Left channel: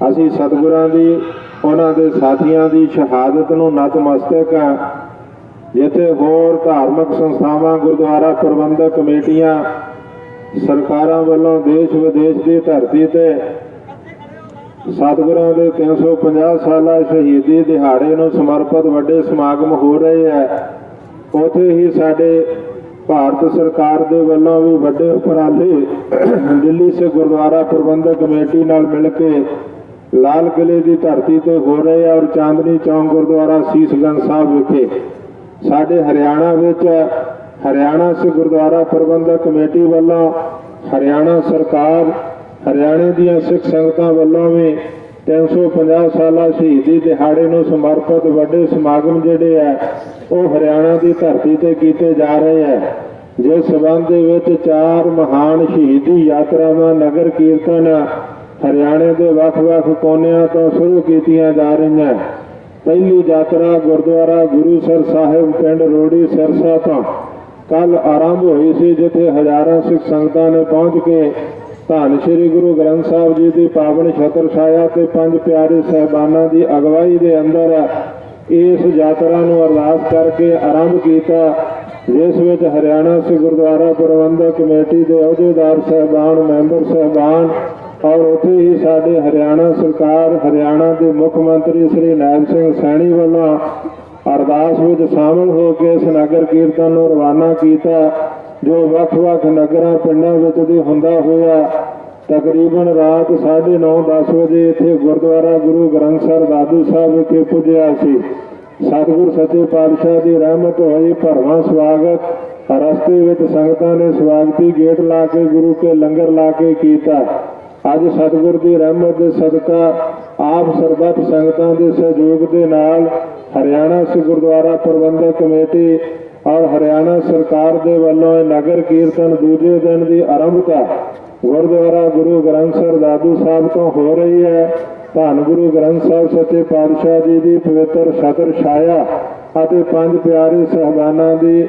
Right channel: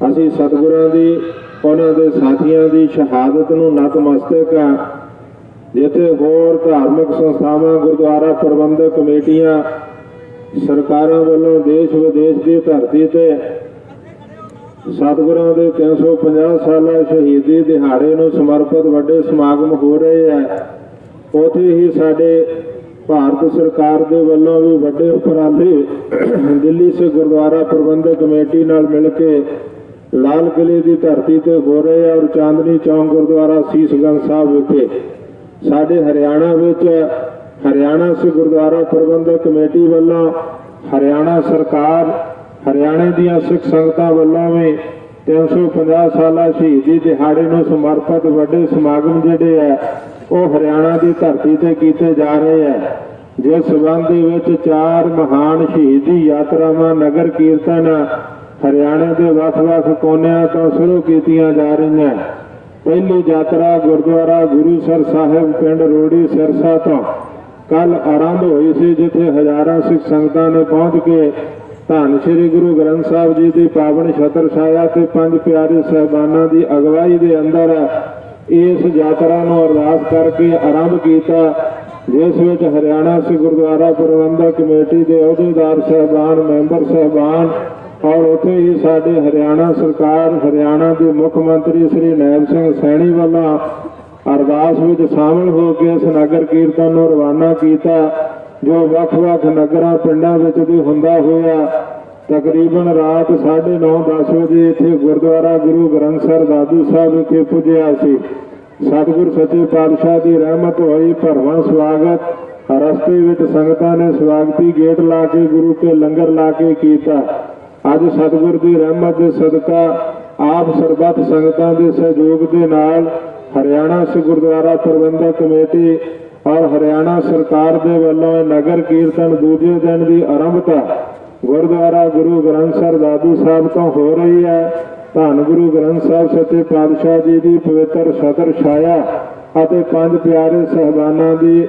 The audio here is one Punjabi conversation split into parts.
ਅਸੀਂ ਸਤਿਗੁਰਾਂ ਦੀ, ਉਹਨਾਂ ਦੇ ਸਾਥੀਆਂ ਦੀ ਸ਼ਹਾਦਤ ਨੂੰ ਨਤਮਸਤਕ ਹਾਂ। ਜਿੱਥੇ ਹੋਰ ਧਾਰਮਿਕ ਸੰਸਥਾਵਾਂ, ਗੁਰਦੁਆਰਾ ਪ੍ਰਬੰਧਕ ਕਮੇਟੀਆਂ, ਸਰਕਾਰਾਂ ਵੱਲੋਂ ਦੇਸ਼ ਵਿਦੇਸ਼ ਦੀ ਧਰਤੀ ਤੇ ਸਤਿਗੁਰਾਂ ਦੇ 350 ਸਾਲਾ ਸ਼ਹੀਦੀ ਦਿਹਾੜੇ ਨੂੰ ਸਮਰਪਿਤ ਵੱਡੇ ਸਮਾਗਮ ਹੋ ਰਹੇ ਹੈ। ਉਥੇ ਹੀ ਸਾਡੇ ਭਾਰਤ ਸਰਕਾਰ ਦੇ ਵੱਲੋਂ ਵੀ ਵੱਡੇ ਉਪਰਾਲੇ ਦਿੱਲੀ ਸੇ ਗੁਰਦੁਆਰਾ ਪ੍ਰਬੰਧਕ ਕਮੇਟੀ ਨਾਲ ਮਿਲ ਕੇ ਲਾਲ ਕਿਲੇ ਦੀ ਧਰਤੀ ਤੇ ਹੋ ਰਹੇ ਹੈ ਔਰ ਚਾਂਦਨੀ ਚੌਂਕ ਗੁਰਦੁਆਰਾ ਸੀਸਗੰਜ ਸਾਹਿਬ ਵਿਖੇ। ਸਾਡੇ ਹਰਿਆਣਾ ਵਿੱਚ ਹਰਿਆਣਾ ਸਿੱਖ ਗੁਰਦੁਆਰਾ ਪ੍ਰਬੰਧਕ ਕਮੇਟੀ ਵੱਲੋਂ ਹਰਿਆਣਾ ਸਰਕਾਰ, ਹਰਿਆਣੇ ਦੀਆਂ ਸਿੱਖ ਸੰਗਤਾਂ ਵੱਲੋਂ ਵੀ 350 ਸਾਲਾ ਸ਼ਹੀਦੀ ਦਿਹਾੜੇ ਨੂੰ ਸਮਰਪਿਤ ਵੱਡੇ ਸਮਾਗਮ ਜਿਹੜੇ ਆ, ਉਹ ਹਰਿਆਣਾ ਦੀ ਧਰਤੀ ਤੇ ਕੀਤੇ ਜਾ ਰਹੇ ਆ। ਜਿਸ ਸਬੰਧ ਦੇ ਵਿੱਚ ਚਾਰ ਮਹਾਨ ਸ਼ਹੀਦੀ ਯਾਤਰਾਵਾਂ, ਨਗਰ ਕੀਰਤਨ ਹਰਿਆਣੇ ਦੇ ਵੱਖ-ਵੱਖ ਕੋਨਿਆਂ ਤੋਂ ਸ਼ੁਰੂ ਕੀਤੀਆਂ ਜਾ ਰਹੀਆਂ। ਪਹਿਲੀ ਯਾਤਰਾ ਗੁਰਦੁਆਰਾ ਗੁਰੂਸਰ ਸਾਹਿਬ ਪਿੰਡ ਰੋੜੀ ਸਿਰਸਾ ਤੋਂ ਕੱਲ ਆਰੰਭ ਹੋਈ ਸੀ, ਜਿੱਥੇ ਹਜ਼ਾਰਾਂ ਸਿੱਖ ਸੰਗਤਾਂ ਨੇ ਪਹੁੰਚ ਕੇ ਧੰਨ ਸ੍ਰੀ ਗੁਰੂ ਗ੍ਰੰਥ ਸਾਹਿਬ ਜੀ ਦੀ ਪਾਵਨ ਛਤਰ ਛਾਇਆ ਤੇ ਪੰਜ ਪਿਆਰੇ ਸਹਿਬਾਨਾਂ ਦੀ ਅਗਵਾਈ ਦੇ ਅੰਦਰ ਇਸ ਯਾਤਰਾ ਨੂੰ ਅਰਦਾਸ ਕਰਕੇ ਆਰੰਭ ਕੀਤਾ, ਜਿਸ ਵਿੱਚ ਹਰਿਆਣਾ ਸਿੱਖ ਗੁਰਦੁਆਰਾ ਪ੍ਰਬੰਧਕ ਕਮੇਟੀ ਦੇ ਅਹੁਦੇਦਾਰ ਸਹਿਬਾਨ, ਮੈਂਬਰ ਸਹਿਬਾਨ ਔਰ ਉੱਥੇ ਹੀ ਸਾਡੇ ਹਰਿਆਣਾ ਸਰਕਾਰ, ਹਰਿਆਣਾ ਦੇ ਮੁੱਖ ਮੰਤਰੀ ਸ੍ਰੀ ਨਾਇਬ ਸਿੰਘ ਸੈਣੀ ਵੱਲੋਂ ਅਰਦਾਸ ਵਿੱਚ ਸ਼ਾਮਲ ਹੋ ਕੇ ਇਸ ਨਗਰ ਕੀਰਤਨ ਨੂੰ ਰਵਾਨਾ ਕੀਤਾ, ਜੋ ਵੱਖ-ਵੱਖ ਨਗਰਾਂ, ਪਿੰਡਾਂ ਵਿੱਚ ਵੀ ਹੁੰਦਾ ਹੋਇਆ। ਤਕਰੀਬਨ ਰਾਤ 9:30 10 ਵਜੇ ਇੱਥੇ ਗੁਰਦੁਆਰਾ ਗੁਰੂ ਗ੍ਰੰਥ ਸਾਹਿਬ, ਦਾਦੂ ਸਾਹਿਬ ਵਿਖੇ ਪੁੱਜਿਆ ਸੀ। ਸਤਿਗੁਰ ਸੱਚੇ ਪਾਤਸ਼ਾਹ ਦੀ ਰਹਿਮਤ ਹੋਈ, ਭਰਵਾਂ ਸਵਾਗਤ। ਰਸਤੇ ਵਿੱਚ ਸੰਗਤਾਂ ਨੇ ਸਵਾਗਤੀ ਗੇਟ ਲਾ ਕੇ, ਗੁਰੂ ਕੇ ਲੰਗਰ ਲਾ ਕੇ ਕੀਤਾ। ਅੱਜ ਸਤਿਗੁਰ ਦੀ ਰਹਿਮਤ ਦੇ ਸਦਕਾ ਆਪ ਸਰਬੱਤ ਸੰਗਤਾਂ ਦੇ ਸਹਿਯੋਗ ਦੇ ਨਾਲ ਹਰਿਆਣਾ ਸਿੱਖ ਗੁਰਦੁਆਰਾ ਪ੍ਰਬੰਧਕ ਕਮੇਟੀ ਔਰ ਹਰਿਆਣਾ ਸਰਕਾਰ ਦੇ ਵੱਲੋਂ ਨਗਰ ਕੀਰਤਨ ਦੂਜੇ ਦਿਨ ਦੀ ਆਰੰਭਤਾ ਗੁਰਦੁਆਰਾ ਗੁਰੂ ਗ੍ਰੰਥ ਸਾਹਿਬ ਦਾਦੂ ਸਾਹਿਬ ਤੋਂ ਹੋ ਰਹੀ ਹੈ। ਧੰਨ ਗੁਰੂ ਗ੍ਰੰਥ ਸਾਹਿਬ ਸੱਚੇ ਪਾਤਸ਼ਾਹ ਜੀ ਦੀ ਪਵਿੱਤਰ ਛਤਰ ਛਾਇਆ ਅਤੇ ਪੰਜ ਪਿਆਰੇ ਸਹਿਬਾਨਾਂ ਦੀ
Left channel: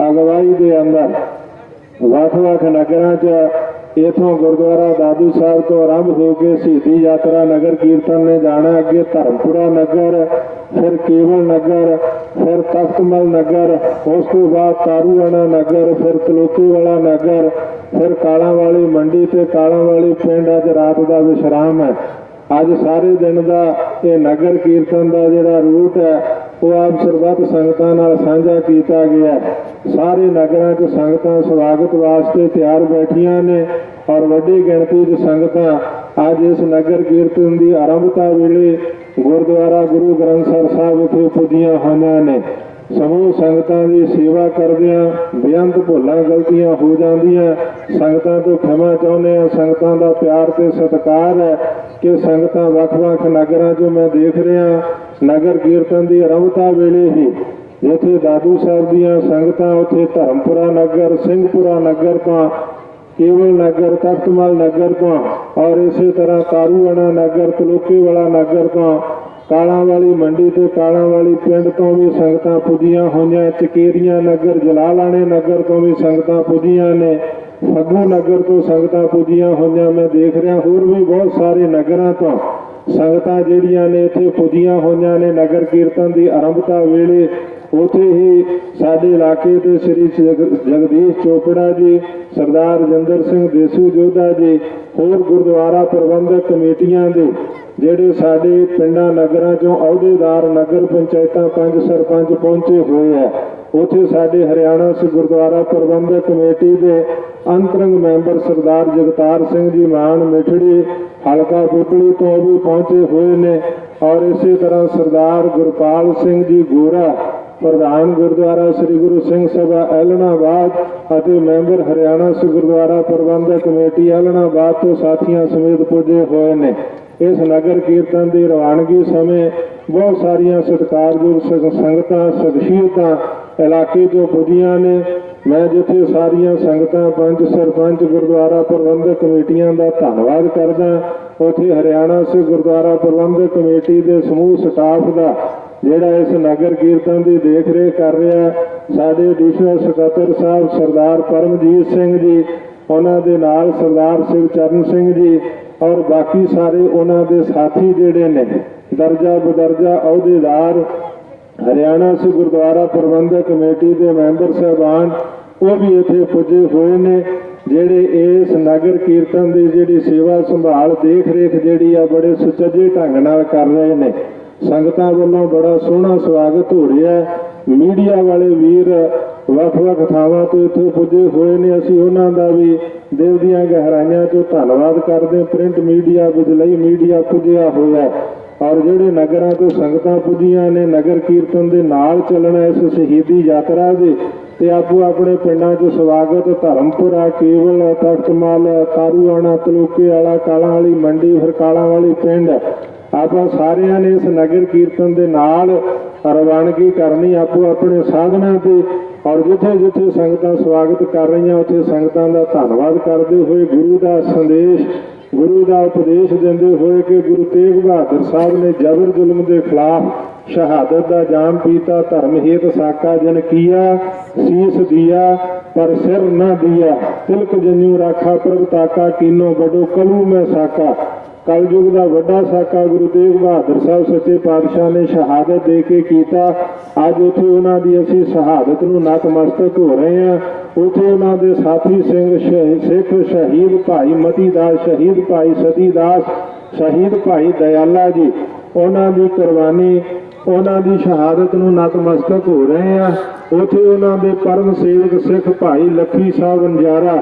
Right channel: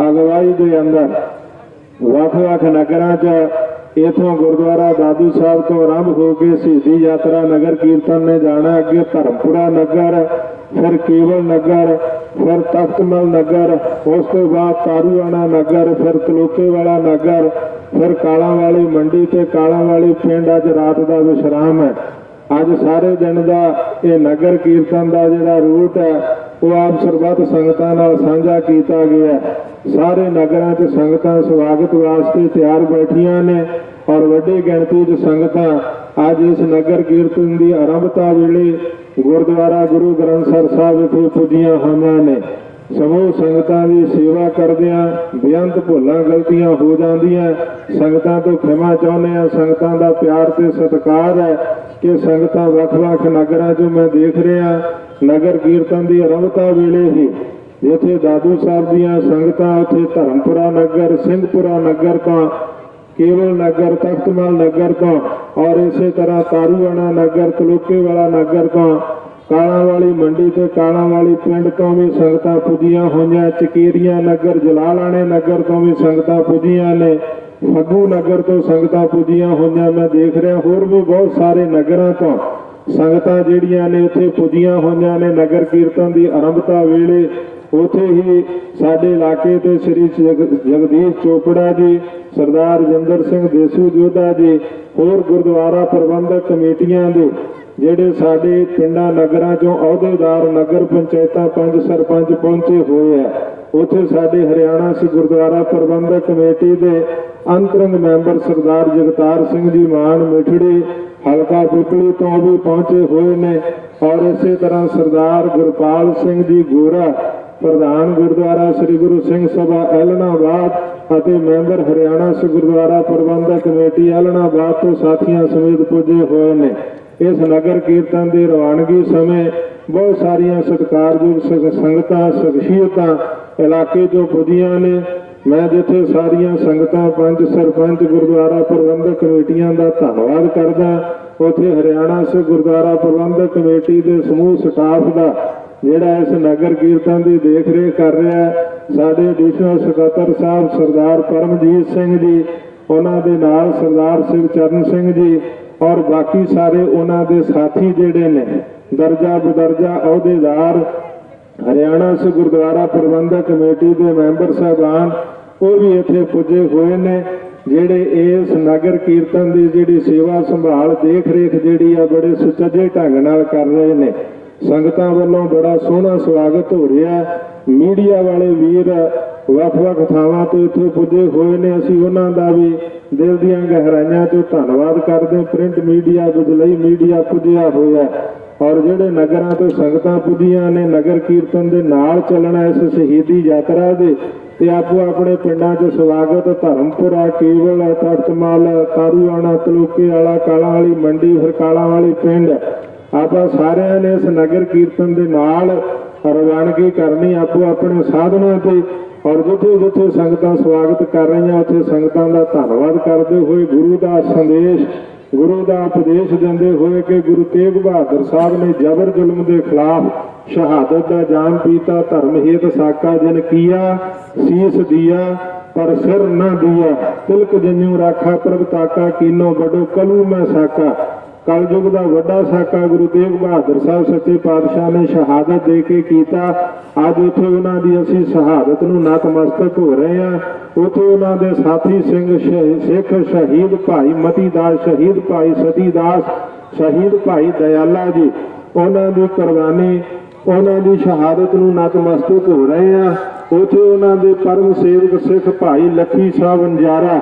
ਅਗਵਾਈ ਦੇ ਅੰਦਰ ਵੱਖ-ਵੱਖ ਨਗਰਾਂ 'ਚ ਇਥੋਂ ਗੁਰਦੁਆਰਾ ਦਾਦੂ ਸਾਹਿਬ ਤੋਂ ਆਰੰਭ ਹੋ ਕੇ ਸ਼ਹੀਦੀ ਯਾਤਰਾ ਨਗਰ ਕੀਰਤਨ ਨੇ ਜਾਣਾ ਅੱਗੇ ਧਰਮਪੁਰਾ ਨਗਰ, ਫਿਰ ਕੇਵਲ ਨਗਰ, ਫਿਰ ਤਖਤਮਲ ਨਗਰ, ਉਸ ਤੋਂ ਬਾਅਦ ਤਾਰੂਆਣਾ ਨਗਰ, ਫਿਰ ਤਲੋਕੇ ਵਾਲਾ ਨਗਰ, ਫਿਰ ਕਾਲਾਂ ਵਾਲੀ ਮੰਡੀ ਤੇ ਕਾਲਾਂ ਵਾਲੀ ਪਿੰਡ ਅੱਜ ਰਾਤ ਦਾ ਵਿਸ਼ਰਾਮ ਹੈ। ਅੱਜ ਸਾਰੇ ਦਿਨ ਦਾ ਇਹ ਨਗਰ ਕੀਰਤਨ ਦਾ ਜਿਹੜਾ ਰੂਟ ਹੈ ਉਹ ਆਪ ਸਰਬੱਤ ਸੰਗਤਾਂ ਨਾਲ ਸਾਂਝਾ ਕੀਤਾ ਗਿਆ। ਸਾਰੇ ਨਗਰਾਂ 'ਚ ਸੰਗਤਾਂ ਸਵਾਗਤ ਵਾਸਤੇ ਤਿਆਰ ਬੈਠੀਆਂ ਨੇ ਔਰ ਵੱਡੀ ਗਿਣਤੀ 'ਚ ਸੰਗਤਾਂ ਅੱਜ ਇਸ ਨਗਰ ਕੀਰਤਨ ਦੀ ਆਰੰਭਤਾ ਵੇਲੇ ਗੁਰਦੁਆਰਾ ਗੁਰੂ ਗ੍ਰੰਥ ਸਾਹਿਬ ਸਾਹਿਬ ਵਿਖੇ ਪੁੱਜੀਆਂ ਹੋਈਆਂ ਨੇ। ਸਮੂਹ ਸੰਗਤਾਂ ਦੀ ਸੇਵਾ ਕਰਦਿਆਂ ਬੇਅੰਤ ਭੁੱਲਾਂ ਗਲਤੀਆਂ ਹੋ ਜਾਂਦੀਆਂ। ਸੰਗਤਾਂ ਤੋਂ ਖਿਮਾ ਚਾਹੁੰਦੇ ਆ ਸੰਗਤਾਂ ਦਾ ਪਿਆਰ ਤੇ ਸਤਿਕਾਰ ਹੈ ਕਿ ਸੰਗਤਾਂ ਵੱਖ-ਵੱਖ ਨਗਰਾਂ 'ਚੋਂ ਮੈਂ ਦੇਖ ਰਿਹਾ ਨਗਰ ਕੀਰਤਨ ਦੀ ਆਰੰਭਤਾ ਵੇਲੇ ਹੀ ਜਿੱਥੇ ਦਾਦੂ ਸਾਹਿਬ ਦੀਆਂ ਸੰਗਤਾਂ, ਉੱਥੇ ਧਰਮਪੁਰਾ ਨਗਰ, ਸਿੰਘਪੁਰਾ ਨਗਰ ਤੋਂ, ਕੇਵਲ ਨਗਰ, ਤਖਤਮਲ ਨਗਰ ਤੋਂ ਔਰ ਇਸੇ ਤਰ੍ਹਾਂ ਤਾਰੂਆਣਾ ਨਗਰ ਤਲੋਕੇ ਵਾਲਾ ਨਗਰ ਤੋਂ ਕਾਲਾਂ ਵਾਲੀ ਮੰਡੀ ਤੇ ਕਾਲਾਂ ਵਾਲੀ ਪਿੰਡ ਤੋਂ ਵੀ ਸੰਗਤਾਂ ਪੁੱਜੀਆਂ ਹੋਈਆਂ, ਚਕੇਰੀਆਂ ਨਗਰ, ਜਲਾਲਾਣੇ ਨਗਰ ਤੋਂ ਵੀ ਸੰਗਤਾਂ ਪੁੱਜੀਆਂ ਨੇ, ਫੱਗੂ ਨਗਰ ਤੋਂ ਸੰਗਤਾਂ ਪੁੱਜੀਆਂ ਹੋਈਆਂ। ਮੈਂ ਦੇਖ ਰਿਹਾ, ਹੋਰ ਵੀ ਬਹੁਤ ਸਾਰੇ ਨਗਰਾਂ ਤੋਂ ਸੰਗਤਾਂ ਜਿਹੜੀਆਂ ਨੇ ਇੱਥੇ ਪੁੱਜੀਆਂ ਹੋਈਆਂ ਨੇ, ਨਗਰ ਕੀਰਤਨ ਦੀ ਆਰੰਭਤਾ ਵੇਲੇ। ਉਥੇ ਹੀ ਸਾਡੇ ਇਲਾਕੇ ਦੇ ਸ੍ਰੀ ਜਗਦੀਸ਼ ਚੋਪੜਾ ਜੀ, ਸਰਦਾਰ ਰਜਿੰਦਰ ਸਿੰਘ ਦੇਸੂ ਜੋਧਾ ਜੀ, ਹੋਰ ਗੁਰਦੁਆਰਾ ਪ੍ਰਬੰਧਕ ਕਮੇਟੀਆਂ ਦੇ ਜਿਹੜੇ ਸਾਡੇ ਪਿੰਡਾਂ, ਨਗਰਾਂ ਚੋਂ ਅਹੁਦੇਦਾਰ, ਨਗਰ ਪੰਚਾਇਤਾਂ ਪੰਜ ਸਰਪੰਚ ਪਹੁੰਚੇ ਹੋਏ ਆ, ਉਥੇ ਸਾਡੇ ਹਰਿਆਣਾ ਸਿੱਖ ਗੁਰਦੁਆਰਾ ਪ੍ਰਬੰਧਕ ਕਮੇਟੀ ਦੇ ਅੰਤਰੰਗ ਮੈਂਬਰ ਸਰਦਾਰ ਜਗਤਾਰ ਸਿੰਘ ਜੀ ਮਾਨ ਮਿਠੜੀ, ਹਲਕਾ ਪੁਪਲੀ ਤੋਂ ਵੀ ਪਹੁੰਚੇ ਹੋਏ ਨੇ ਔਰ ਇਸੇ ਤਰ੍ਹਾਂ ਸਰਦਾਰ ਗੁਰਪਾਲ ਸਿੰਘ ਜੀ ਗੋਰਾ, ਪ੍ਰਧਾਨ ਗੁਰਦੁਆਰਾ ਸ੍ਰੀ ਗੁਰੂ ਸਿੰਘ ਸਭਾ ਐਲਨਾਬਾਦ ਅਤੇ ਮੈਂਬਰ ਹਰਿਆਣਾ ਸਿੱਖ ਗੁਰਦੁਆਰਾ ਪ੍ਰਬੰਧਕ ਕਮੇਟੀ ਐਲਨਾਬਾਦ ਤੋਂ ਸਾਥੀਆਂ ਸਮੇਤ ਪੁੱਜੇ ਹੋਏ ਨੇ। ਇਸ ਨਗਰ ਕੀਰਤਨ ਦੀ ਰਵਾਨਗੀ ਸਮੇਂ ਬਹੁਤ ਸਾਰੀਆਂ ਸਤਿਕਾਰਯੋਗ ਸੰਗਤਾਂ ਸ਼ਖਸੀਅਤਾਂ ਇਲਾਕੇ ਤੋਂ ਪੁੱਜੀਆਂ ਨੇ। ਮੈਂ ਜਿੱਥੇ ਸਾਰੀਆਂ ਸੰਗਤਾਂ, ਪੰਜ ਸਰਪੰਚ, ਗੁਰਦੁਆਰਾ ਪ੍ਰਬੰਧਕ ਕਮੇਟੀਆਂ ਦਾ ਧੰਨਵਾਦ ਕਰਦਾ, ਉੱਥੇ ਹਰਿਆਣਾ ਸੇ ਗੁਰਦੁਆਰਾ ਪ੍ਰਬੰਧਕ ਕਮੇਟੀ ਦੇ ਸਮੂਹ ਸਟਾਫ ਦਾ, ਜਿਹੜਾ ਇਸ ਨਗਰ ਕੀਰਤਨ ਦੀ ਦੇਖ ਰੇਖ ਕਰ ਰਿਹਾ ਸਾਡੇ ਐਡੀਸ਼ਨਲ ਸਕੱਤਰ ਸਾਹਿਬ ਸਰਦਾਰ ਪਰਮਜੀਤ ਸਿੰਘ ਜੀ, ਉਹਨਾਂ ਦੇ ਨਾਲ ਸਰਦਾਰ ਸਿਵ ਚਰਨ ਸਿੰਘ ਜੀ ਔਰ ਬਾਕੀ ਸਾਰੇ ਉਹਨਾਂ ਦੇ ਸਾਥੀ ਜਿਹੜੇ ਨੇ, ਦਰਜਾ ਬਦਰਜਾ ਅਹੁਦੇਦਾਰ, ਹਰਿਆਣਾ ਸੇ ਗੁਰਦੁਆਰਾ ਪ੍ਰਬੰਧਕ ਕਮੇਟੀ ਦੇ ਮੈਂਬਰ ਸਾਹਿਬਾਨ, ਉਹ ਵੀ ਇੱਥੇ ਪੁੱਜੇ ਹੋਏ ਨੇ, ਜਿਹੜੇ ਇਸ ਨਗਰ ਕੀਰਤਨ ਦੀ ਜਿਹੜੀ ਸੇਵਾ ਸੰਭਾਲ ਦੇਖ ਰੇਖ ਜਿਹੜੀ ਆ ਬੜੇ ਸੁਚੱਜੇ ਢੰਗ ਨਾਲ ਕਰ ਰਹੇ ਨੇ। ਸੰਗਤਾਂ ਵੱਲੋਂ ਬੜਾ ਸੋਹਣਾ ਸਵਾਗਤ ਹੋ ਰਿਹਾ ਮੀਡੀਆ ਵਾਲੇ ਵੀਰ ਵੱਖ-ਵੱਖ ਥਾਵਾਂ 'ਤੇ ਇੱਥੇ ਪੁੱਜੇ ਹੋਏ ਨੇ। ਅਸੀਂ ਉਹਨਾਂ ਦਾ ਵੀ ਦਿਲ ਦੀਆਂ ਗਹਿਰਾਈਆਂ ਤੋਂ ਧੰਨਵਾਦ ਕਰਦੇ ਹਾਂ। ਪ੍ਰਿੰਟ ਮੀਡੀਆ ਬਿਜਲਈ ਮੀਡੀਆ ਪੁੱਜਿਆ ਹੋਇਆ। ਔਰ ਜਿਹੜੇ ਨਗਰਾਂ ਤੋਂ ਸੰਗਤਾਂ ਪੁੱਜੀਆਂ ਨੇ, ਨਗਰ ਕੀਰਤਨ ਦੇ ਨਾਲ ਚੱਲਣਾ ਇਸ ਸ਼ਹੀਦੀ ਯਾਤਰਾ ਦੇ, ਤੇ ਆਪੋ ਆਪਣੇ ਪਿੰਡਾਂ 'ਚ ਸਵਾਗਤ ਧਰਮਪੁਰਾ, ਕੇਵਲ, ਤਖਤਮਾਲ ਕਾਰੂਆਣਾ ਤਲੂਕੇ ਵਾਲਾ, ਕਾਲਾਂ ਵਾਲੀ ਮੰਡੀ, ਹਰਕਾਲਾਂ ਵਾਲੀ ਪਿੰਡ। ਆਪਾਂ ਸਾਰਿਆਂ ਨੇ ਇਸ ਨਗਰ ਕੀਰਤਨ ਦੇ ਨਾਲ ਰਵਾਨਗੀ ਕਰਨੀ, ਆਪੋ ਆਪਣੇ ਸਾਧਨਾਂ ਤੇ ਔਰ ਜਿੱਥੇ ਜਿੱਥੇ ਸੰਗਤਾਂ ਸਵਾਗਤ ਕਰ ਰਹੀਆਂ, ਉੱਥੇ ਸੰਗਤਾਂ ਦਾ ਧੰਨਵਾਦ ਕਰਦੇ ਹੋਏ ਗੁਰੂ ਦਾ ਸੰਦੇਸ਼, ਗੁਰੂ ਦਾ ਉਪਦੇਸ਼ ਦਿੰਦੇ ਹੋਏ ਕਿ ਗੁਰੂ ਤੇਗ ਬਹਾਦਰ ਸਾਹਿਬ ਨੇ ਜ਼ਬਰ ਜ਼ੁਲਮ ਦੇ ਖਿਲਾਫ ਸ਼ਹਾਦਤ ਦਾ ਜਾਮ ਪੀਤਾ, ਧਰਮ ਹੇਤ ਸਾਕਾ ਜਨ ਕੀਆ, ਸੀਸ ਦਿਆ, ਪਰ ਸਿਰ ਨਾ ਦਿਆ। ਤਿਲਕ ਜਨਿਉ ਰਾਖਾ ਪ੍ਰਭ ਤਾਕਾ, ਕੀਨੋ ਬਡੋ ਕਲੂ ਮੈਂ ਸਾਕਾ। ਕਲਯੁਗ ਦਾ ਵੱਡਾ ਸਾਕਾ ਗੁਰੂ ਤੇਗ ਬਹਾਦਰ ਸਾਹਿਬ ਸੱਚੇ ਪਾਤਸ਼ਾਹ ਨੇ ਸ਼ਹਾਦਤ ਦੇ ਕੇ ਕੀਤਾ। ਅੱਜ ਉੱਥੇ ਉਹਨਾਂ ਦੀ ਅਸੀਂ ਸ਼ਹਾਦਤ ਨੂੰ ਨਤਮਸਤਕ ਹੋ ਰਹੇ ਹਾਂ। ਉੱਥੇ ਉਹਨਾਂ ਦੇ ਸਾਥੀ ਸਿੰਘ ਸ਼ਹ- ਸਿੱਖ ਸ਼ਹੀਦ ਭਾਈ ਮਤੀ ਦਾਸ ਸ਼ਹੀਦ ਭਾਈ ਸਤੀ ਦਾਸ ਸ਼ਹੀਦ ਭਾਈ ਦਇਆਲਾ ਜੀ, ਉਹਨਾਂ ਦੀ ਕੁਰਬਾਨੀ, ਉਹਨਾਂ ਦੀ ਸ਼ਹਾਦਤ ਨੂੰ ਨਤਮਸਤਕ ਹੋ ਰਹੇ ਹਾਂ। ਉੱਥੇ ਉਹਨਾਂ ਦੇ ਪਰਮ ਸੇਵਕ ਸਿੱਖ ਭਾਈ ਲੱਖੀ ਸਾਹਿਬ ਅੰਜਾਰਾ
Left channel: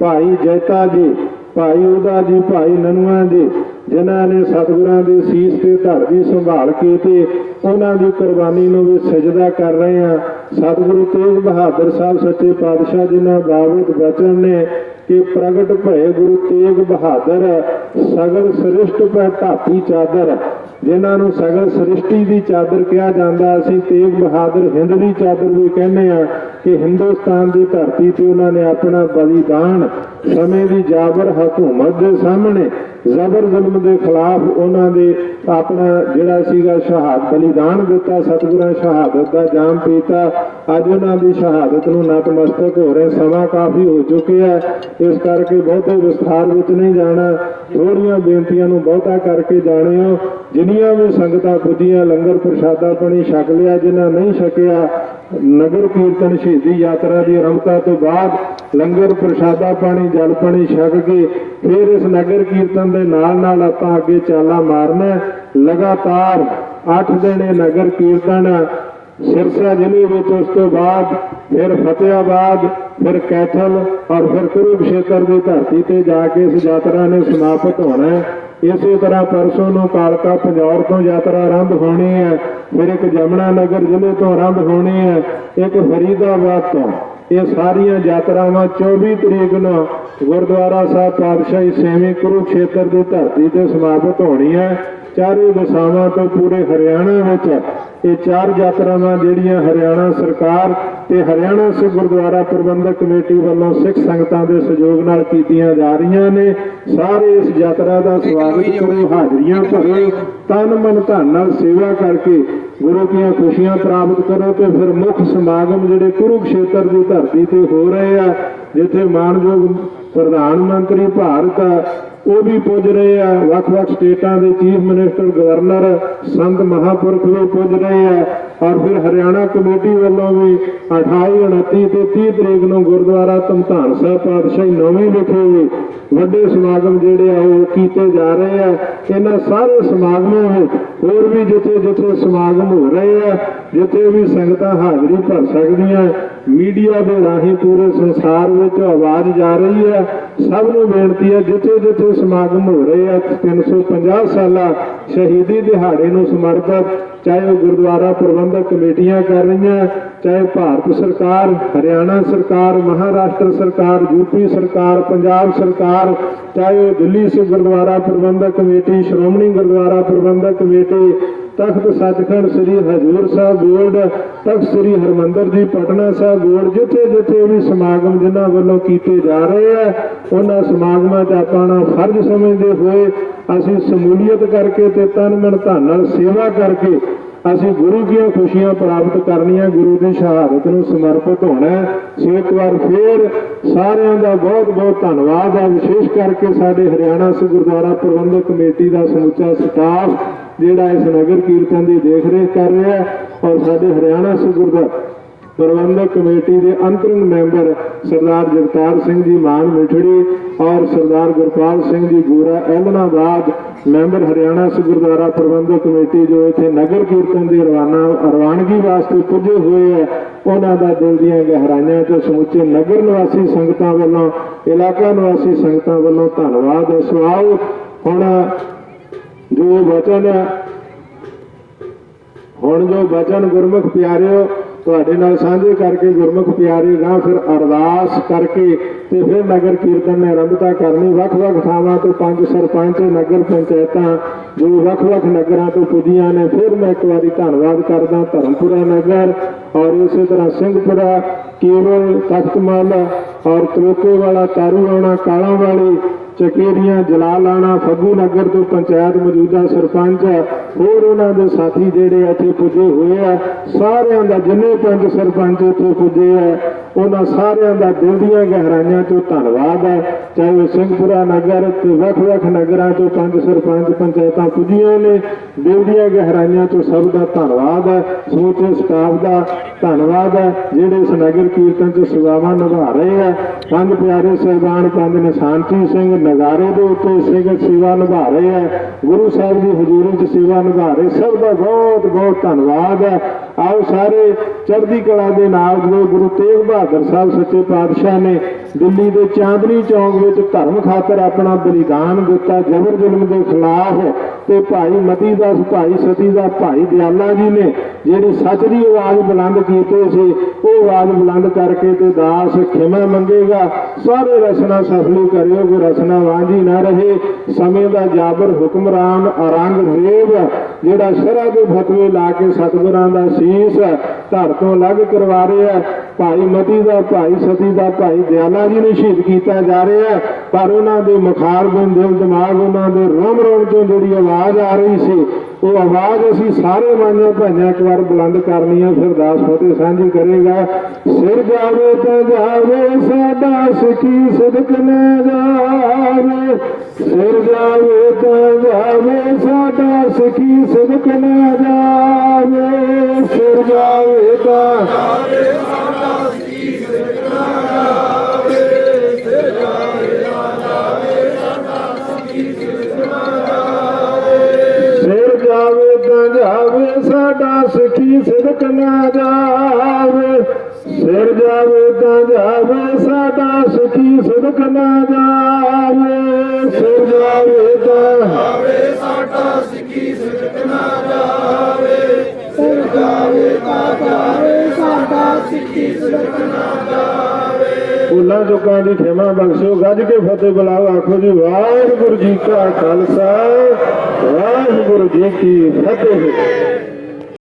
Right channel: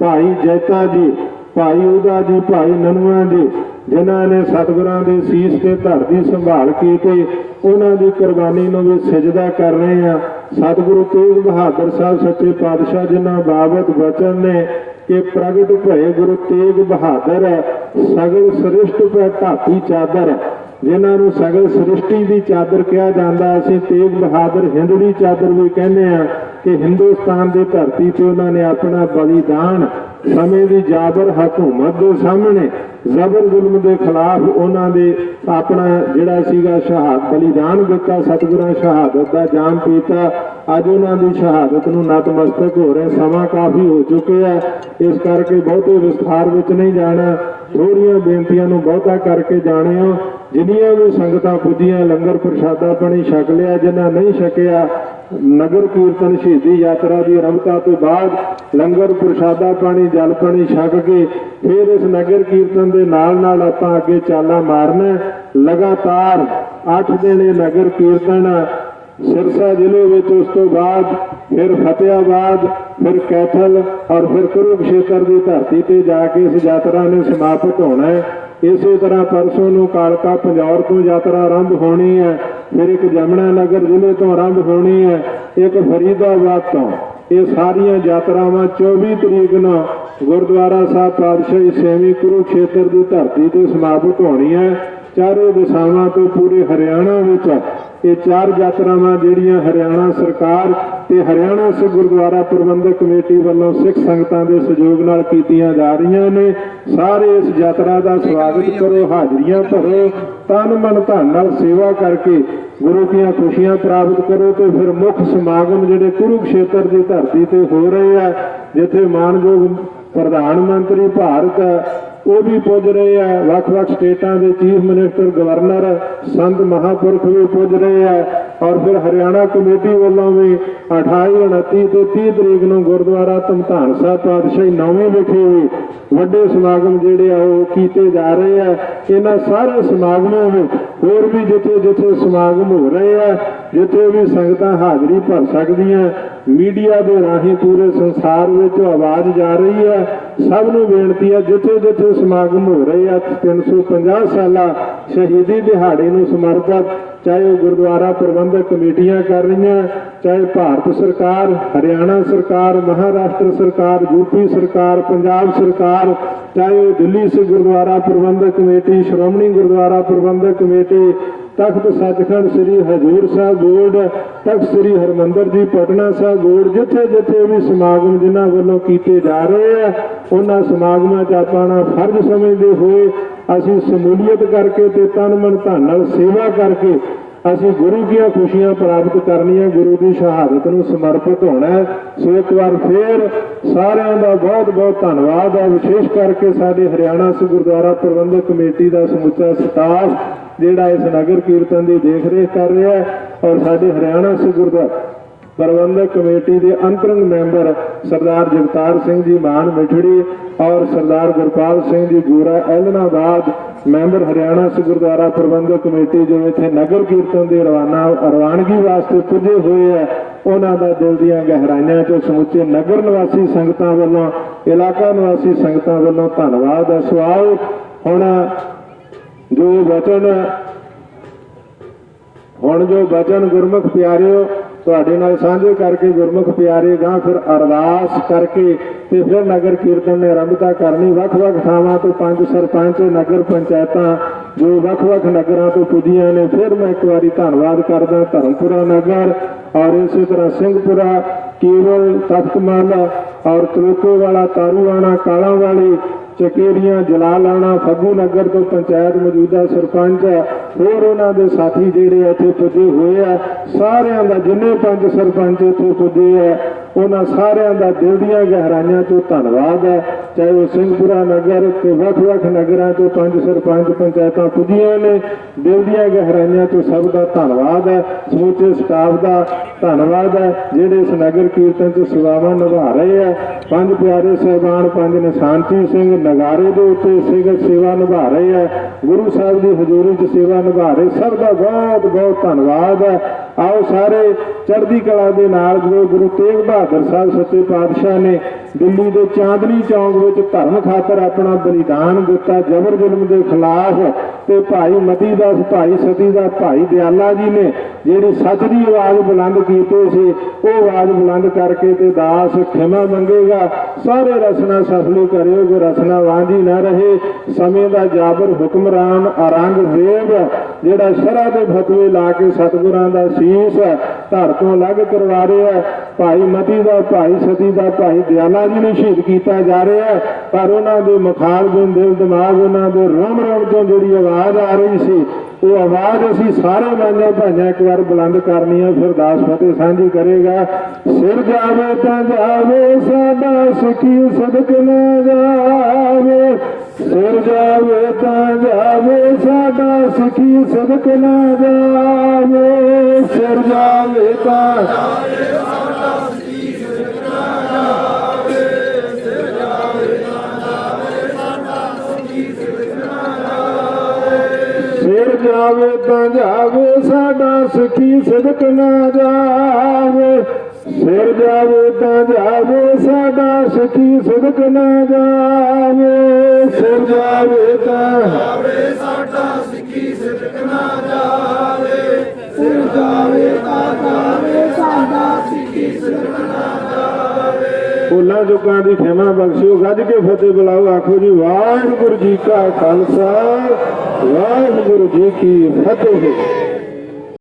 ਭਾਈ ਜੈਤਾ ਜੀ ਭਾਈ ਉਹਦਾ ਜੀ, ਭਾਈ ਨਨਵਾ ਜੀ ਜਿਨ੍ਹਾਂ ਨੇ ਸਤਿਗੁਰਾਂ ਦੇ ਸੀਸ ਤੇ ਧਰ ਦੀ ਸੰਭਾਲ ਕੀਤੀ ਤੇ ਉਹਨਾਂ ਦੀ ਕੁਰਬਾਨੀ ਨੂੰ ਵੀ ਸਜਦਾ ਕਰ ਰਹੇ ਆ ਸਤਿਗੁਰੂ ਤੇਗ ਬਹਾਦਰ ਸਾਹਿਬ ਸੱਚੇ ਪਾਤਸ਼ਾਹ ਜਿਨ੍ਹਾਂ ਬਾਬਤ ਬਚਨ ਨੇ ਕਿ ਪ੍ਰਗਟ ਭਏ ਗੁਰੂ ਤੇਗ ਬਹਾਦਰ ਸਗਲ ਸ੍ਰਿਸ਼ਟ ਪੈ ਧਾਤੀ ਚਾਦਰ, ਜਿਨ੍ਹਾਂ ਨੂੰ ਸਗਲ ਸ੍ਰਿਸ਼ਟੀ ਦੀ ਚਾਦਰ ਕਿਹਾ ਜਾਂਦਾ, ਅਸੀਂ ਤੇਗ ਬਹਾਦਰ ਹਿੰਦ ਦੀ ਚਾਦਰ ਵੀ ਕਹਿੰਦੇ ਆ ਕਿ ਹਿੰਦੁਸਤਾਨ ਦੀ ਧਰਤੀ ਤੇ ਉਹਨਾਂ ਨੇ ਆਪਣਾ ਬਲੀਦਾਨ ਸਮੇਂ ਦੀ ਜਾਬਰ ਹਕੂਮਤ ਦੇ ਸਾਹਮਣੇ ਜ਼ਬਰ ਜ਼ੁਲਮ ਦੇ ਖਿਲਾਫ ਉਹਨਾਂ ਦੇ ਆਪਣਾ ਜਿਹੜਾ ਸੀਗਾ ਸ਼ਹਾਦ ਬਲੀਦਾਨ ਦਿੱਤਾ, ਸਤਿਗੁਰਾਂ ਸ਼ਹਾਦਤ ਦਾ ਜਾਮ ਪੀਤਾ। ਅੱਜ ਉਹਨਾਂ ਦੀ ਸ਼ਹਾਦਤ ਨੂੰ ਨਤਮਸਤਕ ਹੋ ਰਹੇ, ਸਮਾਂ ਕਾਫੀ ਹੋ ਚੁੱਕਿਆ ਇਸ ਕਰਕੇ ਬਹੁਤੇ ਵਿਸਥਾਰ ਵਿੱਚ ਨਹੀਂ ਜਾਣਾ। ਥੋੜੀਆਂ ਬੇਨਤੀਆਂ ਨੂੰ ਬਹੁਤਾ ਕਰਕੇ ਜਾਣਿਓ। ਜਿੰਨੀਆਂ ਵੀ ਸੰਗਤਾਂ ਪੁੱਜੀਆਂ, ਲੰਗਰ ਪ੍ਰਸ਼ਾਦਾ ਪਾਣੀ ਛਕ ਲਿਆ ਜਿਨ੍ਹਾਂ ਨਹੀਂ ਛਕਿਆ, ਨਗਰ ਕੀਰਤਨ ਸ਼ਹੀਦੀ ਯਾਤਰਾ ਦੀ ਆਰੰਭਤਾ ਤੋਂ ਬਾਅਦ ਲੰਗਰ ਪ੍ਰਸ਼ਾਦਾ ਪਾਣੀ, ਜਲ ਪਾਣੀ ਛਕ ਕੇ ਫਿਰ ਇਸ ਨਗਰ ਕੀਰਤਨ ਦੇ ਨਾਲ ਨਾਲ ਆਪਾਂ ਅੱਗੇ ਚਾਲਾਂ ਮਾਰਨਾ ਲਗਾਤਾਰ 8 ਦਿਨ ਨਗਰ ਕੀਰਤਨ ਸਿਰਸਾ ਜ਼ਿਲ੍ਹੇ ਵਿੱਚ ਉਸ ਤੋਂ ਬਾਅਦ ਫਿਰ ਫਤਿਆਬਾਦ ਫਿਰ ਕੈਥਲ ਔਰ ਫਿਰ ਕੁਰੂਕਸ਼ੇਤਰ ਦੀ ਧਰਤੀ ਤੇ ਜਾ ਕੇ ਇਸ ਯਾਤਰਾ ਨੇ ਸਮਾਪਤ ਹੋਣਾ ਹੈ। ਇਸੇ ਤਰ੍ਹਾਂ ਪਰਸੋਂ ਨੂੰ ਕਾਲਕਾ ਪੰਜੌਰ ਤੋਂ ਯਾਤਰਾ ਆਰੰਭ ਹੋਣੀ ਹੈ। ਫਿਰ ਇੱਕ ਜਮਨਾ ਨਗਰ ਜ਼ਿਲ੍ਹੇ ਤੋਂ ਆਰੰਭ ਹੋਣੀ ਹੈ। ਇੱਕ ਫਰੀਦਾਬਾਦ ਤੋਂ। ਇਹ ਸਾਰੀਆਂ ਯਾਤਰਾਵਾਂ 24 ਤਰੀਕ ਨੂੰ ਗੁਰਦੁਆਰਾ ਸਾਹਿਬ ਪਾਤਸ਼ਾਹੀ ਸੇਵੀ ਕੁਰੂਕਸ਼ੇਤਰ ਦੀ ਧਰਤੀ ਤੇ ਸਮਾਪਤ ਹੋਣੀ ਹੈ। ਚਾਰੇ ਦਿਸ਼ਾਵਾਂ ਤੋਂ ਪੂਰੇ ਹਰਿਆਣਾ ਵਿੱਚ ਇਹ ਚਾਰ ਯਾਤਰਾਵਾਂ ਜਿਹੜੀਆਂ ਹਰਿਆਣਾ ਸਰਕਾਰ ਤੇ ਹਰਿਆਣਾ ਸਿੱਖ ਗੁਰਦੁਆਰਾ ਪ੍ਰਬੰਧਕ ਕਮੇਟੀ ਵੱਲੋਂ ਸਿੱਖ ਸੰਗਤਾਂ ਦੇ ਸਹਿਯੋਗ ਨਾਲ ਕੀਤੀਆਂ ਜਾ ਰਹੀਆਂ ਨੇ। ਸਾਰੇ ਇਸ ਯਾਤਰਾ ਦਾ ਸਵਾਗਤ ਕਰੋ। ਹਾਜ਼ਰੀਆਂ ਭਰੋ। ਤਨ ਮਨ ਧਨ ਨਾਲ ਸੇਵਾ ਕਰਕੇ ਗੁਰੂ ਦੀਆਂ ਖੁਸ਼ੀਆਂ ਪ੍ਰਾਪਤ ਕਰੋ ਤੇ ਫਿਰ ਮੁੱਖ ਸਮਾਗਮ ਜਿਹੜੇ ਕੁਰੂਕਸ਼ੇਤਰ ਦੀ ਧਰਤੀ ਤੇ ਹੋ ਰਹੇ ਆ ਜਿੱਥੇ ਮਾਨਯੋਗ ਪ੍ਰਧਾਨ ਮੰਤਰੀ ਭਾਰਤ ਉਹ ਵੀ ਪੁੱਜ ਰਹੇ ਆ। ਵੱਖ-ਵੱਖ ਸਟੇਟਾਂ ਦੇ ਚੀਫ ਮਿਨਿਸਟਰ, ਗਵਰਨਰ, ਸੰਤ ਮਹਾਪੁਰਖ ਵੀ ਪੁੱਜ ਰਹੇ ਆ। ਔਰ ਫਿਰ ਹਰਿਆਣਾ ਕਮੇਟੀ ਵੱਲੋਂ ਵੀ 28 29 ਤੇ 30 ਤਰੀਕ ਨੂੰ ਗੁਰਦੁਆਰਾ ਧਮਤਾਨ ਸਾਹਿਬ ਪਾਤਸ਼ਾਹੀ ਨੌਵੀਂ ਵਿਖੇ ਵੀ ਵੱਡੇ ਸਮਾਗਮ ਜਿਹੜੇ ਆ, ਉਹ ਕੀਤੇ ਜਾ ਰਹੇ ਆ। ਇਹਨਾਂ ਸਾਰੇ ਸਮਾਗਮਾਂ ਵਿੱਚ ਹੋਰ ਵੀ ਜਿੱਥੇ ਜਿੱਥੇ ਸਮਾਗਮ ਹੋ ਰਹੇ ਆ, ਜਿੱਥੇ ਵੀ ਸੰਗਤਾਂ ਹਾਜ਼ਰੀ ਭਰ ਸਕਦੀਆਂ ਮੀਡੀਆ ਦੇ ਰਾਹੀਂ ਪੂਰੇ ਸੰਸਾਰ ਵਿੱਚ ਆਵਾਜ਼ ਜਾ ਰਹੀ ਹੈ। ਸਭ ਨੂੰ ਬੇਨਤੀ ਹੈ, ਜਿੱਥੇ ਜਿੱਥੇ ਸਮਾਗਮ ਹੋ ਰਹੇ ਆ 350 ਸਾਲਾ ਸ਼ਹੀਦੀ ਦਿਹਾੜੇ ਨੂੰ ਸਮਰਪਿਤ, ਚਾਹੇ ਉਹ ਗੁਰਦੁਆਰਾ ਪ੍ਰਬੰਧਕ ਕਮੇਟੀਆਂ ਕਰ ਰਹੀਆਂ, ਚਾਹੇ ਭਾਰਤ ਸਰਕਾਰ, ਹਰਿਆਣਾ ਸਰਕਾਰ, ਮਹਾਰਾਸ਼ਟਰ ਸਰਕਾਰ ਯੂਪੀ ਸਰਕਾਰ, ਪੰਜਾਬ ਸਰਕਾਰ, ਚਾਹੇ ਉਹ Delhi Sikh Gurdwara Prabandhak Committee, Shiromani Gurdwara Prabandhak Committee Takht Sachkhand Sri Hazur Sahib Board Takht Sri Harmandar ji, Patna Sahib board ਜਿੱਥੇ ਜਿੱਥੇ ਵੀ ਸਮਾਗਮ ਜਿਨ੍ਹਾਂ ਵੱਲੋਂ ਕੀਤੇ ਜਾ ਰਹੇ ਆ, ਉਹਨਾਂ ਸਮਾਗਮਾਂ 'ਚ ਆਪਣਾ ਫਰਜ਼ ਸਮਝਦੇ ਹੋਏ ਅਸੀਂ ਸਮੂਲੀਅਤ ਕਰਕੇ ਤੇ ਤਨ ਮਨ ਧਨ ਨਾਲ ਸੇਵਾ ਕਰਕੇ ਅਸੀਂ ਗੁਰੂ ਦੀਆਂ ਖੁਸ਼ੀਆਂ ਪ੍ਰਾਪਤ ਕਰਨੀਆਂ, ਗੁਰੂ ਦੀ ਸ਼ਹਾਦਤ ਨੂੰ ਸਮਰਪਿਤ ਹੋਣਾ ਸੋ ਇੱਕ ਵਾਰ ਫੇਰ ਸਾਰਿਆਂ ਦਾ ਬਹੁਤ ਬਹੁਤ ਧੰਨਵਾਦ ਹੈ ਵਿਸ਼ੇਸ਼ ਕਰਕੇ ਸਾਡੇ ਹਰਿਆਣਾ ਸਿੱਖ ਗੁਰਦੁਆਰਾ ਪ੍ਰਬੰਧਕ ਕਮੇਟੀ ਦਾ ਸਮੁੱਚਾ ਸਟਾਫ ਜਿਹੜਾ ਇਸ ਨਗਰ ਕੀਰਤਨ ਦੀ ਦੇਖ ਰੇਖ ਕਰ ਰਿਹਾ ਔਰ ਸਾਡੇ ਹਰਿਆਣਾ ਸਿੱਖ ਪ੍ਰਬੰਧਕ ਕਮੇਟੀ ਦੇ ਅੰਤਰੰਗ ਮੈਂਬਰ ਸਰਦਾਰ ਜਗਤਾਰ ਸਿੰਘ ਜੀ ਮਾਨ ਮਿਠੜੀ ਔਰ ਸਰਦਾਰ ਗੁਰਪਾਲ ਸਿੰਘ ਜੀ ਗੂਰਾ, ਐਲਨਾਬਾਦ ਮੈਂਬਰ ਹਰਿਆਣਾ ਸਿੱਖ ਗੁਰਦੁਆਰਾ ਪ੍ਰਬੰਧਕ ਕਮੇਟੀ ਜੋ ਇੱਥੇ ਨਗਰ ਕੀਰਤਨ ਦੇ ਰਵਾਨਾ, ਰਵਾਨਗੀ ਵਾਸਤੇ ਪੁੱਜੇ ਹੋਏ ਹੈ, ਉਹਨਾਂ ਦਾ ਦਿਲ ਦੀਆਂ ਗਹਿਰਾਈਆਂ ਤੋਂ ਸਮੁੱਚੇ ਨਗਰ ਨਿਵਾਸੀ ਸੰਗਤਾਂ ਵੱਲੋਂ, ਇਲਾਕਾ ਨਿਵਾਸੀ ਸੰਗਤਾਂ ਵੱਲੋਂ ਧੰਨਵਾਦ ਹੈ। ਸਵਾਲ ਹੁਣ ਜੋ ਵਚਨ ਹੁਣ ਜੋ ਬਚਨ ਗੁਰਮੁਖ ਪਿਆਰਿਓ, ਤੁਹਾਡੇ ਨਾਲ ਸਾਂਝੇ ਕਰਕੇ ਗੁਰਮੁਖ ਪਿਆਰੇ ਗਾਂ ਫਿਰ ਅਰਦਾਸ ਕਰਕੇ ਤੇ ਫਿਰ ਨਗਰ ਕੀਰਤਨ ਨੇ ਆਰੰਭਤਾ ਕਰਨੀ। ਵੱਖ-ਵੱਖ ਥਾਵਾਂ ਤੋਂ ਪੰਜ ਸਰਪੰਚ, ਨਗਰ ਪੰਚਾਇਤਾਂ, ਜੋ ਵੱਖ-ਵੱਖ ਨਗਰਾਂ ਤੋਂ ਪੁੱਜੀਆਂ ਨੇ, ਫਿਰ ਮੈਂ ਇੱਕ ਵਾਰੀ ਧੰਨਵਾਦ ਕਰਦਾ ਧਰਮਪੁਰਾ ਨਗਰ ਔਰ ਇਸੇ ਤਰ੍ਹਾਂ ਸਿੰਘਪੁਰਾ ਕੇਵਲ ਤਖਤਮਲ ਔਰ ਤਰੋਕੇ ਵਾਲਾ ਤਾਰੂਆਣਾ ਕਾਲਾਂ ਵਾਲੀ ਚਕੇਰੀਆਂ ਜਲਾਲਾਣਾ ਫੱਗੂ ਨਗਰ ਤੋਂ ਪੰਚਾਇਤ ਮੌਜੂਦਾ ਸਰਪੰਚ ਹੋਰ ਉਹਨਾਂ ਦੇ ਸਾਥੀ ਜਿਹੜੇ ਇੱਥੇ ਪੁੱਜੇ ਹੋਏ ਆ, ਸਾਰਿਆਂ ਦਾ ਜਿੰਨੇ ਪੰਜ ਸਰਪੰਚ ਇੱਥੇ ਪੁੱਜੇ ਆ, ਉਹਨਾਂ ਸਾਰਿਆਂ ਦਾ ਦਿਲ ਦੀਆਂ ਗਹਿਰਾਈਆਂ ਤੋਂ ਧੰਨਵਾਦ ਹੈ ਚਾਹੇ ਉਹ ਸਿੰਘਪੁਰਾ ਨਗਰ ਤੇ ਵੱਖ-ਵੱਖ ਨਗਰਾਂ ਤੋਂ ਪੰਜ ਸਰਪੰਚ ਪੰਚਾਇਤਾਂ ਪੁੱਜੀਆਂ ਨੇ, ਦਿਲ ਦੀਆਂ ਗਹਿਰਾਈਆਂ ਤੋਂ ਸਭ ਦਾ ਧੰਨਵਾਦ ਹੈ ਸਮੂਚੇ ਸਟਾਫ ਦਾ ਧੰਨਵਾਦ ਹੈ ਜਿਹੜੇ ਇਸ ਨਗਰ ਕੀਰਤਨ 'ਚ ਸੇਵਾਵਾਂ ਨਿਭਾ ਰਹੇ ਆ। ਪੰਜ ਪਿਆਰੇ ਸਹਿਬਾਨ, ਪੰਜ ਨਿਸ਼ਾਨਤੀ ਸਿੰਘ ਨਗਾਰੇ ਦੇ ਉੱਤੇ ਸਿੰਘ ਸੇਵਾ ਨਿਭਾ ਰਹੇ ਆ। ਗੁਰੂ ਸਾਹਿਬ ਦੀ ਹਜ਼ੂਰੀ 'ਚ ਸੇਵਾ ਨਿਭਾ ਸਭ ਦਾ ਬਹੁਤ ਬਹੁਤ ਧੰਨਵਾਦ ਹੈ। ਆਓ ਸਾਰੇ ਚੜ੍ਹਦੀ ਕਲਾ ਦੇ ਨਾਲ ਜੋ ਗੁਰੂ ਤੇਗ ਬਹਾਦਰ ਸਾਹਿਬ ਸੱਚੇ ਪਾਤਸ਼ਾਹ ਨੇ ਦਿੱਲੀ ਦੇ ਚਾਂਦਨੀ ਚੌਂਕ ਵਿੱਚ ਧਰਮ ਖਾਤਰ ਆਪਣਾ ਬਲੀਦਾਨ ਦਿੱਤਾ ਜਬਰ ਜ਼ੁਲਮ ਦੇ ਖਿਲਾਫ ਤੇ ਭਾਈ ਮਤੀ ਦਾਸ ਭਾਈ ਸਤੀ ਦਾ, ਭਾਈ ਦਿਆਲਾ ਜੀ ਨੇ ਜਿਹੜੀ ਸੱਚ ਦੀ ਆਵਾਜ਼ ਬੁਲੰਦ ਕੀਤੀ ਸੀ, ਉਹ ਆਵਾਜ਼ ਬੁਲੰਦ ਕਰਕੇ ਤੇ ਦਾਸ ਖਿਮਾ ਮੰਗੇਗਾ। ਸਾਰੇ ਰਸਨਾ ਸਫਲੇ ਕਰਿਓ ਕੋ ਰਸਨਾ ਵਾਂਝੀ ਨਾ ਰਹੇ, ਸਮੇਂ ਦਾ ਜਾਬਰ ਹੁਕਮਰਾਨ ਅਰੰਗ ਜਿਹੜਾ ਸ਼ਰਾ ਦੇ ਫਤਵੇ ਲਾ ਕੇ ਸਤਿਗੁਰਾਂ ਦਾ ਸੀਸ ਧਰ ਤੋਂ ਅਲੱਗ ਕਰਵਾ ਰਿਹਾ ਭਾਈ ਮਤੀ ਦਾ, ਭਾਈ ਸਤੀ ਦਾ, ਭਾਈ ਦਿਆਲਾ ਜੀ ਨੂੰ ਸ਼ਹੀਦ ਕੀਤਾ ਜਾ ਰਿਹਾ ਪਰ ਉਹਨਾਂ ਦੇ ਮੁਖਾਰ ਦਿਲ ਦਿਮਾਗ ਉਹਨਾਂ ਦੇ ਰੋਮ ਰੋਮ ਤੋਂ ਜਿਹੜੀ ਆਵਾਜ਼ ਆ ਰਹੀ ਸੀ, ਉਹ ਆਵਾਜ਼ ਅਸੀਂ ਸਾਰੇ ਬਾਣੀਆਂ ਭਾਈਆਂ ਇੱਕ ਵਾਰ ਬੁਲੰਦ ਕਰਨੀ ਹੈ, ਫਿਰ ਦਾਸ ਫਤਿਹ ਸਾਂਝੀ ਕਰੇਗਾ। ਸਿਰ ਜਾਵੇ ਤਾਂ ਜਾਵੇ, ਸਾਡਾ ਸੁਖੀ ਸਦਕ ਨਾ ਜਾਵੇ। ਸਿਰ ਜਾਵੇ ਤਾਂ ਜਾਵੇ, ਸਾਡਾ ਸੁਖੀ ਸਦਕ ਨਾ ਜਾਵੇ। ਸਿਰ ਜਾਵੇ ਤਾਂ ਜਾਵੇ ਸਾਡਾ ਸੁਖੀ ਸਦਕ ਨਾ ਜਾਵੇ ਸਿਰ ਜਾਵੇ ਤਾਂ। ਜਾਵੇ ਸਾਡਾ ਸਿੱਖੀ ਸਿਦਕ ਨਾ ਜਾਵੇ ਸਿਰ ਜਾਵੇ ਤਾਂ ਜਾਵੇ ਸਾਡਾ ਸਿੱਖੀ ਸਿਦਕ ਨਾ ਉਹਨਾਂ ਦੁੱਖਾਂ ਦੀ ਖਿਮਾ ਬਖਸ਼ੋ ਗੱਜ ਕੇ ਫਤਿਹ ਬੁਲਾਓ ਆਖੋ ਜੀ ਵਾਹਿਗੁਰੂ ਜੀ ਕਾ ਖਾਲਸਾ ਵਾਹਿਗੁਰੂ ਜੀ ਕੀ ਫਤਿਹ।